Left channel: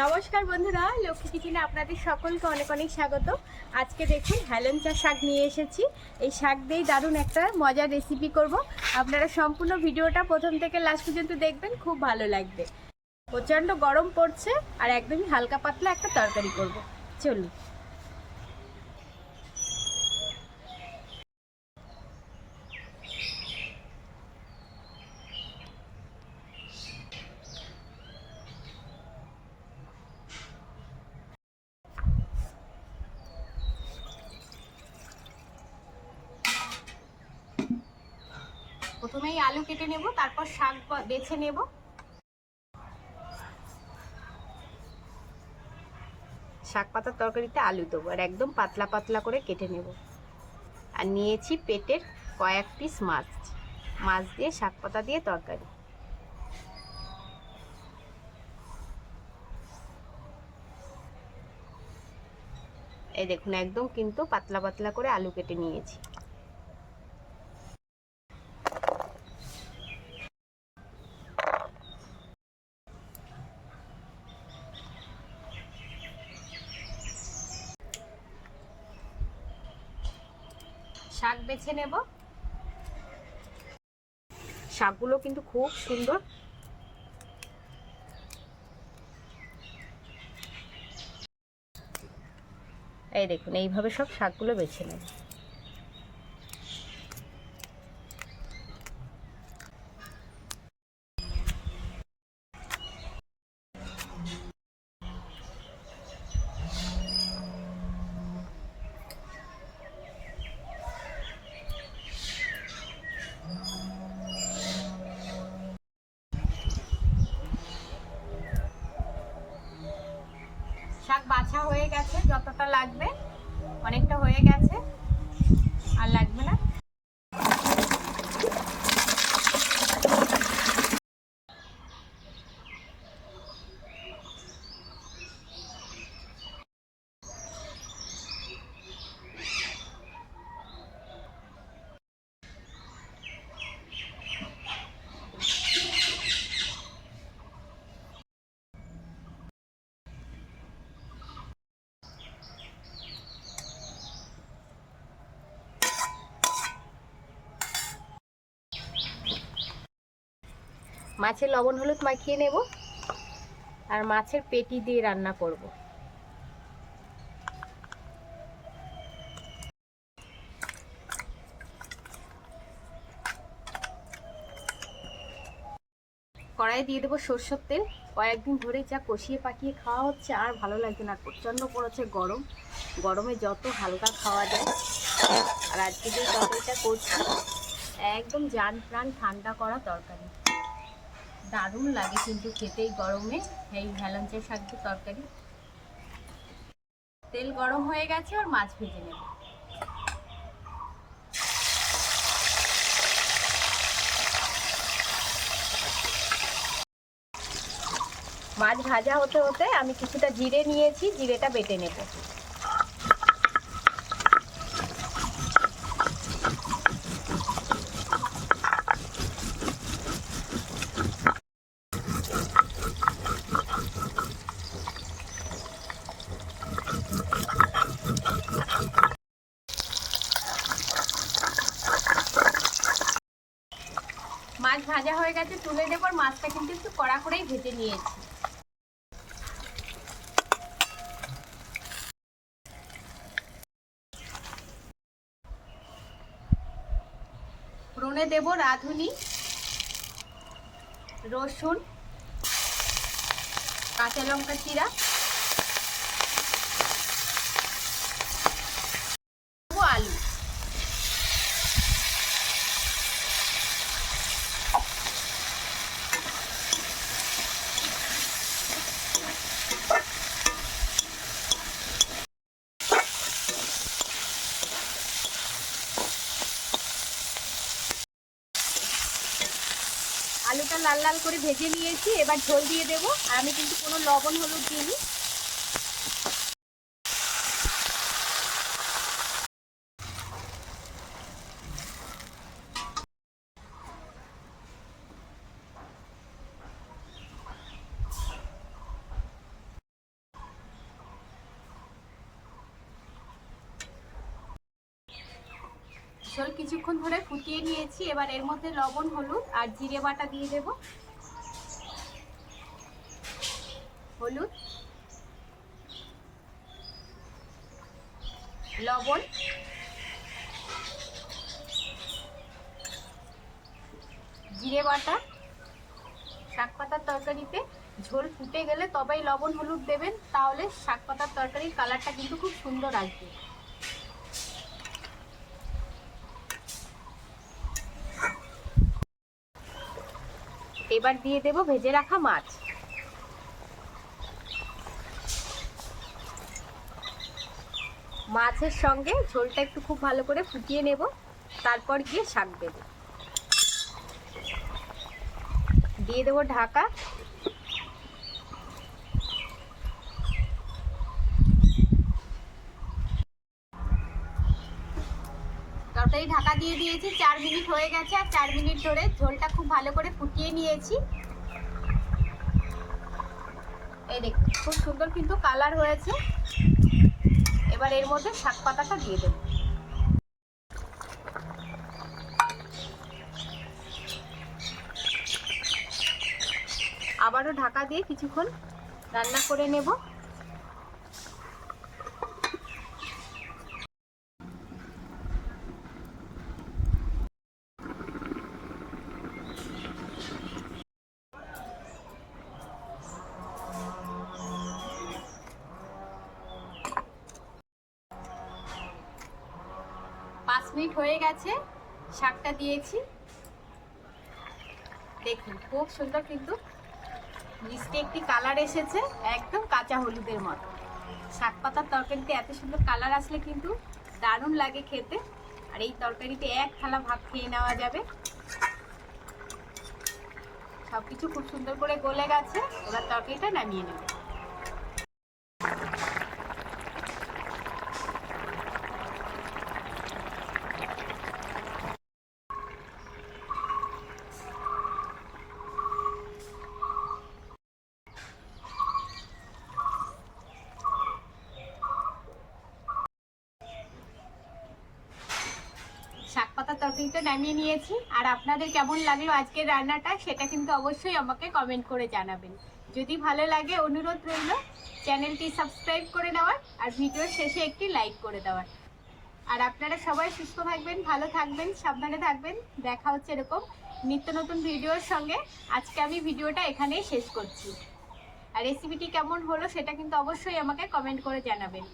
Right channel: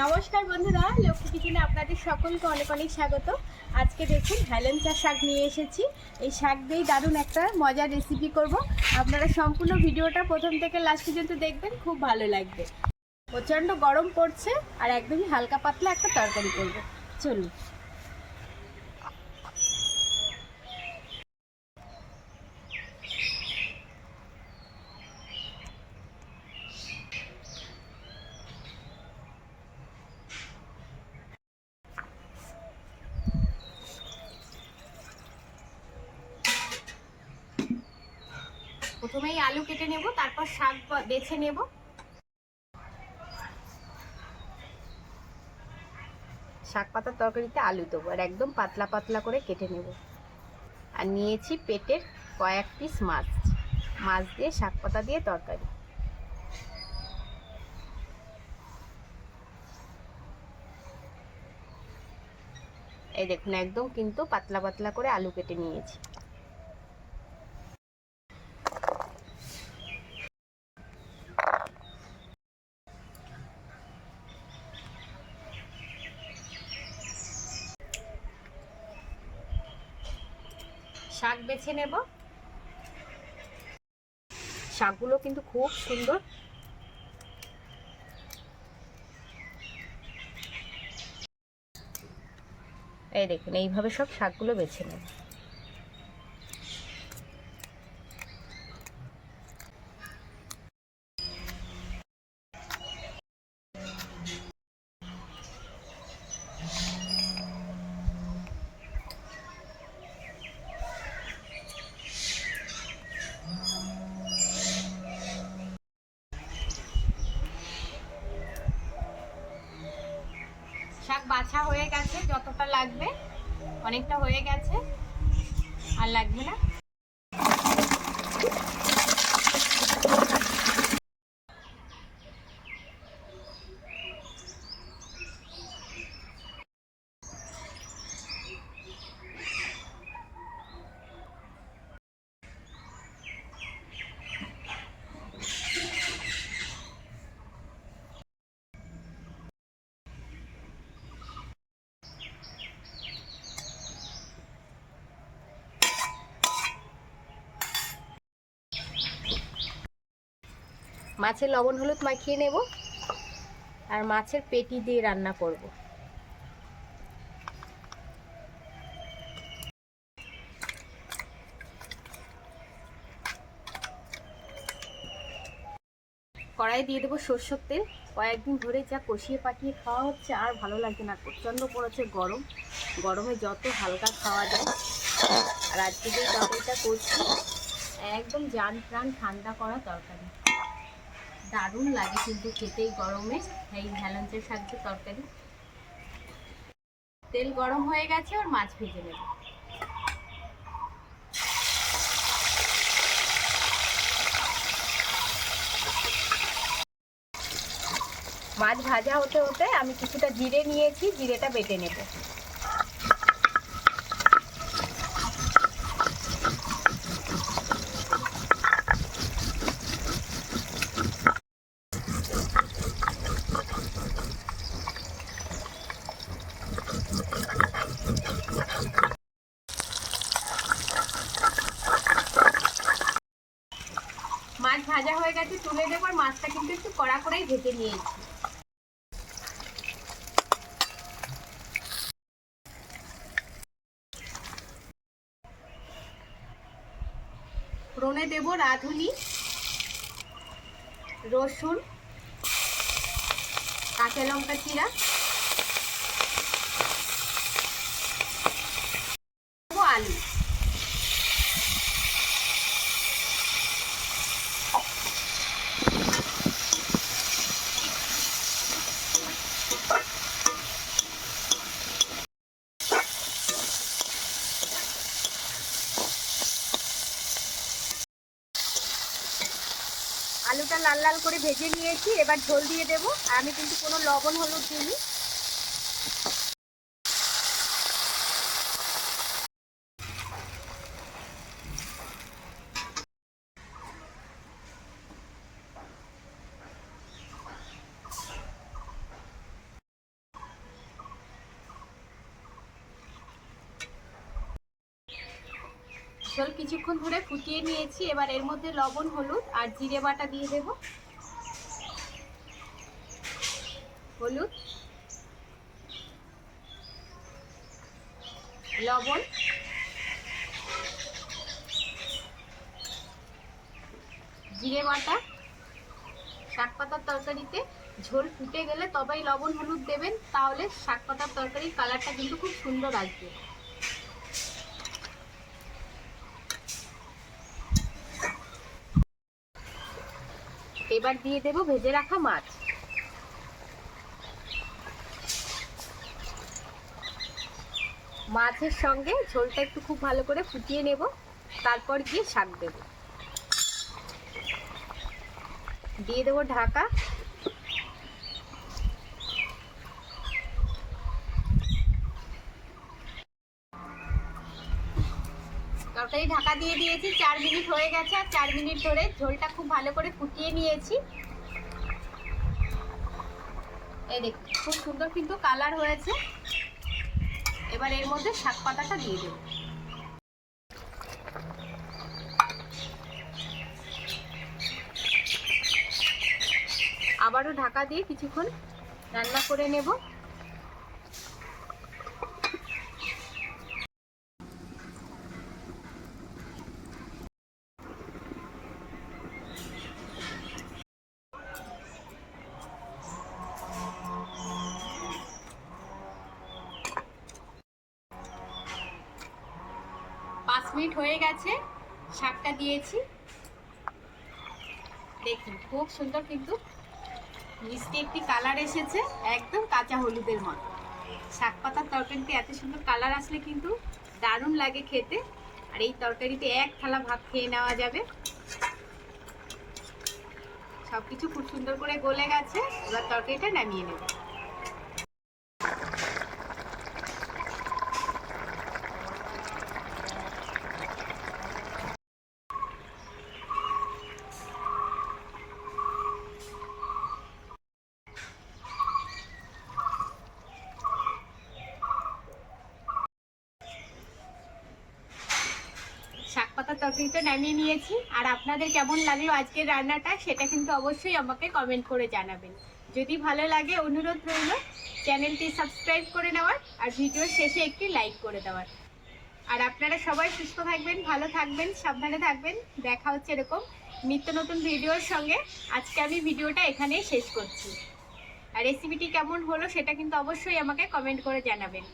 নমস্কার বন্ধুরা, লক্ষ্মী কিচেনে আপনাদের সকলকে অনেক অনেক স্বাগত। আজকে দেখুন হেলেঞ্চা শাক নিয়ে এসেছি। এই শাক দিয়েই দারুণ একটা মজার রেসিপি করব। আপনারা সম্পূর্ণ ভিডিওটা প্রথম থেকে লাস্ট পর্যন্ত দেখবেন, খুব ভালো লাগবে। প্রচণ্ড গরম পড়ছে আর একদমই হালকা পাতলা একটা তরকারি করব। চলুন। প্রথমেই আলু কেটে নেব, তারপর শাক বেছে নেব। শাক পাতার তরকারিতে আলু দেবো আর একদম পাতলা পাতলা করে কেটে নেব। আর নিয়েছি পেটের কয়েক পিস মাছ, মাছ দিয়ে শাক পাতা দিয়ে তরকারি। এই দেখুন, একদম কিন্তু পাতলা পাতলা করে আলু কেটে নিয়েছি। শাক বেছে নেব। শাকগুলো কিন্তু খুব সুন্দর। এই দেখুন, এইভাবে সব শাকগুলো বেছে নেব। শাক বাছা হয়ে গেছে, যতটা লাগবে অনেকটা হয়ে গেছে, আর লাগবে না। মাছের লবণ হলুদ মাখিয়ে নেব আর মাছের পেটি দিয়ে রান্না করব। কড়াই দিয়ে দেবো সরষের তেল। কয়েকদিন ধরে যা কষিয়ে পাকিয়ে খাওয়া হচ্ছে, আর ভালো লাগছে না। প্রচণ্ড পড়েছে গরম, গরমে যত হালকা খাওয়া যায়। আর আজকে যে তরকারিটা করছি, একদম জান প্রাণ ঠান্ডা করা তরকারি। দারুণ লাগে কিন্তু খেতেই গরমে এই হেলেঞ্চা শাক দিয়ে তরকারি। তেল গরম হয়ে গেছে, আর মাছ ভেজে নেব। মাছ ভাজা হতে হতে আমি কিছুটা জিরে নিয়েছি, জিরেটা বেটে নেব। মাছ ভাজা হয়ে গেছে, তুলে নেব। আর মাছটা কিন্তু একটু কড়া করেই ভেজে নিয়েছি। ফোড়নে দেব রাঁধুনি, রসুন, কাঁচা লঙ্কা চিরা, আলু। আলুটা লাল লাল করে ভেজে নিয়েছি, এবার ঝোল দিয়ে দেবো। আর আমি কিন্তু কোনো লবণ হলুদ দিইনি। ঝোল কিছুক্ষণ ধরে ফুটিয়ে নিয়েছি। এবার এর মধ্যে লবণ, হলুদ আর জিরে বাটা দিয়ে দেব। হলুদ, লবণ, জিরে বাটা। শাক পাতার তরকারিতে ঝোল ফুটে গেলে তবেই লবণ হলুদ দেবেন, তাহলে শাক পাতার তরকারির কালারটা কিন্তু খুব সুন্দর আসবে। এবার দিয়ে দেব ভেজে রাখা মাছ। মাছের সঙ্গে ঝোলটা একটু খুব ভালো করে ফুটিয়ে নেব, তারপর গিয়ে শাক দেব। দিয়ে দেবো ঢাকা। তরকারি ঢাকা দিয়ে দিয়েছি, 4 মিনিট হয়ে গেছে। আর 4 মিনিট ধরে ঝোলটা খুব ভালো করে ফুটিয়ে নিয়েছি। এই দেখুন খুব সুন্দর কিন্তু কালার হয়েছে। এবার এর মধ্যে শাক পাতাটা দিয়ে দেব। আবারও ঢাকা দিয়ে কিছুক্ষণ রান্না করে নেব। পাঁচ মিনিট হয়ে গেছে, শাকটা দিয়েছি। দেখুন খুব সুন্দর কিন্তু মিষ্টি একটি কালার এসেছে, একদম কাঁচা হলুদের মতো। শাক পাতার তরকারিতে এত সুন্দর কালার আসলে কিন্তু দারুণ লাগে খেতে। আর এই তরকারিতে এক থালা ভাত খেয়ে নেওয়া যাবে। সবকিছু খুব সুন্দর করে গলে গেছে, এবার তরকারিটা নামিয়ে নেব। শাক পাতার তরকারিটা নামিয়ে নিয়েছি। আর আপনাদের কেমন লাগলো আজকের রান্নাটা সেটা কিন্তু অবশ্যই আমাকে কমেন্ট করে জানাবেন। যদি ভালো লাগে অনুরোধ রইল চ্যানেলটি সাবস্ক্রাইব করে নেওয়ার, আর ভিডিওর শেষে একটি লাইক করে দেওয়ার। আর আপনারা সবাই সুস্থ থাকবেন, ভালো থাকবেন, সাবধানে থাকবেন। দেখা হচ্ছে এরকম নিত্য নতুন ভিডিওর সঙ্গে। আজকে আমি ভিডিওটা এখানেই শেষ করছি। আর রেসিপিটি কেমন হলো সেটা কিন্তু অবশ্যই আমাকে কমেন্ট করে জানাবেন।